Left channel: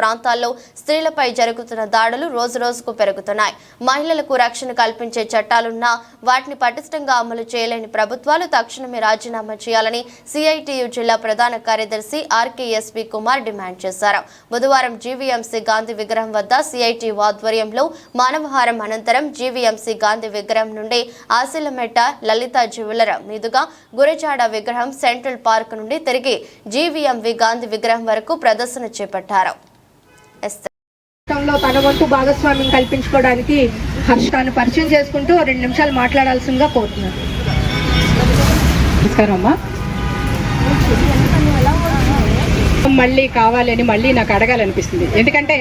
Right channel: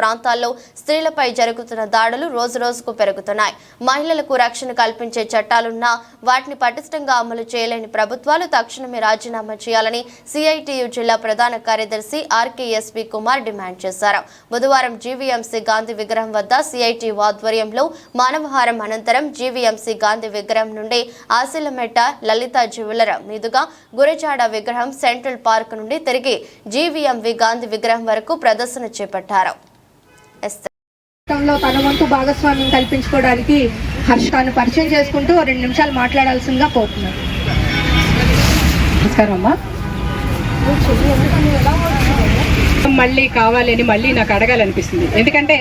ప్రాంతాల్లో స్త్రీలపై జరుగుతున్న దాడులు రోజురోజుకు పెరుగుతున్నాయి. మహిళలకు రక్షణ కల్పించే చట్టాలున్నా వాటిని పటిష్టంగా అమలు చేయలేని ప్రభుత్వాలు తక్షణమే రాజీనామా చేయాలని సిఐటియు జిల్లా ప్రధాన కార్యదర్శి ఆర్కేఎస్పీ కుమార్ డిమాండ్ చేశారు. బుధవారం జీవీఎంసీ గాంధీ విగ్రహం వద్ద సిఐటియు ఆధ్వర్యంలో మానవహారం అనంతరం జీవీఎంసీ గాంధీ విగ్రహం నుండి ఆసిలమెట్ట లలిత జ్యువెలర్ మీదుగా గురజాడ విగ్రహం సెంట్రల్ పార్క్ నుండి తిరిగి జీవీఎంవి గాంధీ విగ్రహం వరకు ప్రదర్శన చేపట్టారు. తన వంతు భాగస్వామ్యం కల్పించుకోవడానికి హర్షాన్ని పరిచయం చేసుకుంటూ 2 నిమిషాలు మాట్లాడాల్సిందిగా కోరుతున్నాను. నమస్కారం అమ్మా. మళ్ళీ కావాలని మళ్ళీ నాకు అడగాలనిపిస్తుంది. ఎందుకంటే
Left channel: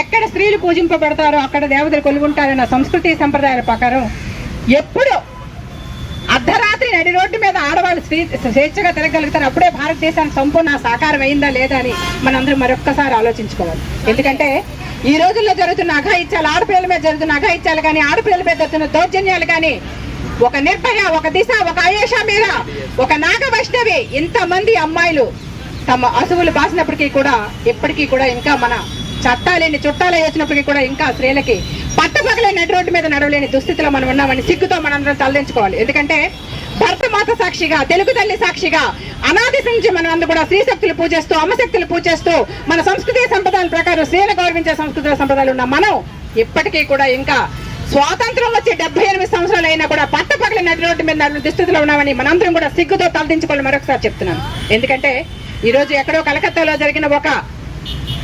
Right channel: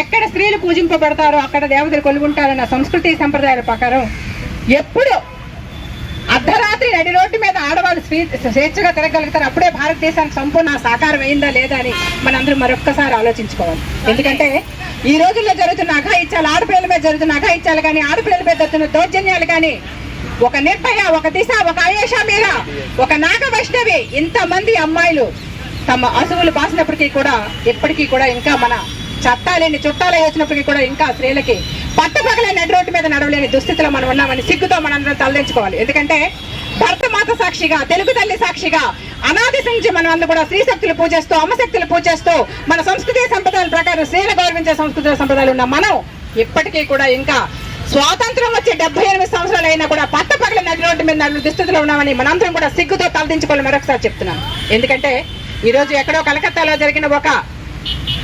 ఎక్కడ స్త్రీలు పూజింపబడతారో అక్కడ దేవతలు కొలుగుంటారన్న సంస్కృతి సంప్రదాయాల ప్రకారం ఎప్పుడు అర్ధరాత్రి నడి రోడ్డు మీద ఆడవాళ్ళు స్వేచ్ఛగా తిరగలుగుతారు. అప్పుడే భారతదేశానికి సంపూర్ణ సాకారం అయిందా లేదా అని మనందరం మరొక్కసారి ఆలోచించుకోవాలి. ఎందుకంటే ఈ రోజుల్లో జరుగుతున్న అఘాయిత్యాలు, ఆడపిల్లల మీద జరుగుతున్న అఘాయిత్యాలు కానీ, ఆడపిల్లల మీద జరుగుతున్న దౌర్జన్యాలు కానీ, ఒక నిర్భయ, ఒక దిశ, ఒక ఆయేషా మీరా, ఒక నాగ వైష్ణవి, ఇంతమంది అమ్మాయిలు తమ అసువులు బాసినప్పటికీ కూడా ఎప్పటికీ కూడా ఇంకా మన చట్టాలేని చుట్టాలే వచ్చినప్పటికీ కూడా ఇంకా స్త్రీలకి పట్టపగలే నడి రోడ్డు మీద నడవలేని దుస్థితిలో మనం ఉన్నామని సిగ్గుతో మనందరం తలదించుకోవాలి. ఎందుకంటే భర్త మాత సాక్షిగా, తెలుగు తల్లి సాక్షిగా అనాది నుంచి మనం అందరూ కూడా స్త్రీ శక్తులు పూజేస్తూ, అమ్మశక్తులు పూజేస్తూ మన సంస్కృతి సంప్రదాయాల ప్రకారం స్త్రీలు గౌరవించే సంస్కృతి సంప్రదాయాలు ఉన్న మనం ఇప్పటికీ కూడా ఇంకా స్వాతంత్రం వచ్చి 78 సంవత్సరాలు అయినా కూడా పట్టపగల నడి రోడ్డు మీద దుస్థితిలో ఉన్నామని మనందరం కూడా సిగ్గుతో తలదించుకోవాలి మరొకసారి చెప్తున్నాను. ఎందుకంటే ఈ రోజు ఎక్కడో కలకత్తాలో జరిగిన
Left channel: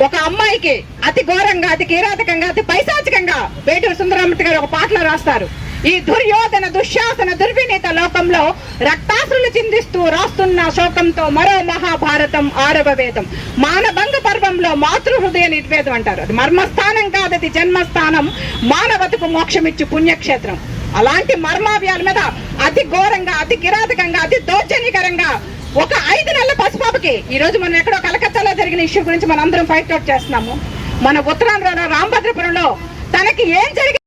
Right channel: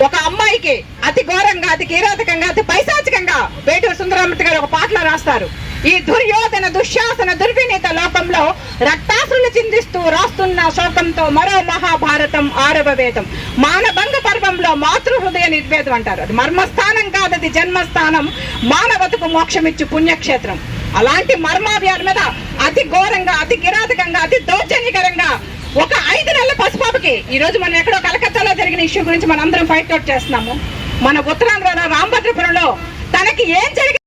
ఒక అమ్మాయికి అతి ఘోరంగా, అతి కిరాతకంగా, అతి పైశాచికంగా వేటూరు సుందరామూర్తి గారు ఒక పాటలో రాస్తారు. ఈ దుర్యోధన దుశ్శాసన దుర్వినీత లోకంలో రక్తాసులు చిందిస్తూ రాస్తున్న శోకంతో మరో మహాభారతం 6వ వేదం మానభంగ పర్వంలో మాతృహృదయ నిర్వేదం అంటారు. అది మర్మస్థానం కాదది జన్మస్థానం, మానవతకు మోక్షమిచ్చు పుణ్యక్షేత్రం. అలాంటి మర్మావ్యాల మీద అతి ఘోరంగా, అతి కిరాతకంగా, అతి దౌర్జన్యకరంగా ఒక 5 నెలల పసిపాపకి ఈ రోజు మనం ఎక్కడో కలకత్తాలో జరిగిన ఇష్యూ గురించి మనం అందరం ఫైట్ అవుట్ చేస్తున్నాము. మన ఉత్తరాంధ్రలో రామభద్రపురంలో తనకి ఏం జరిగింది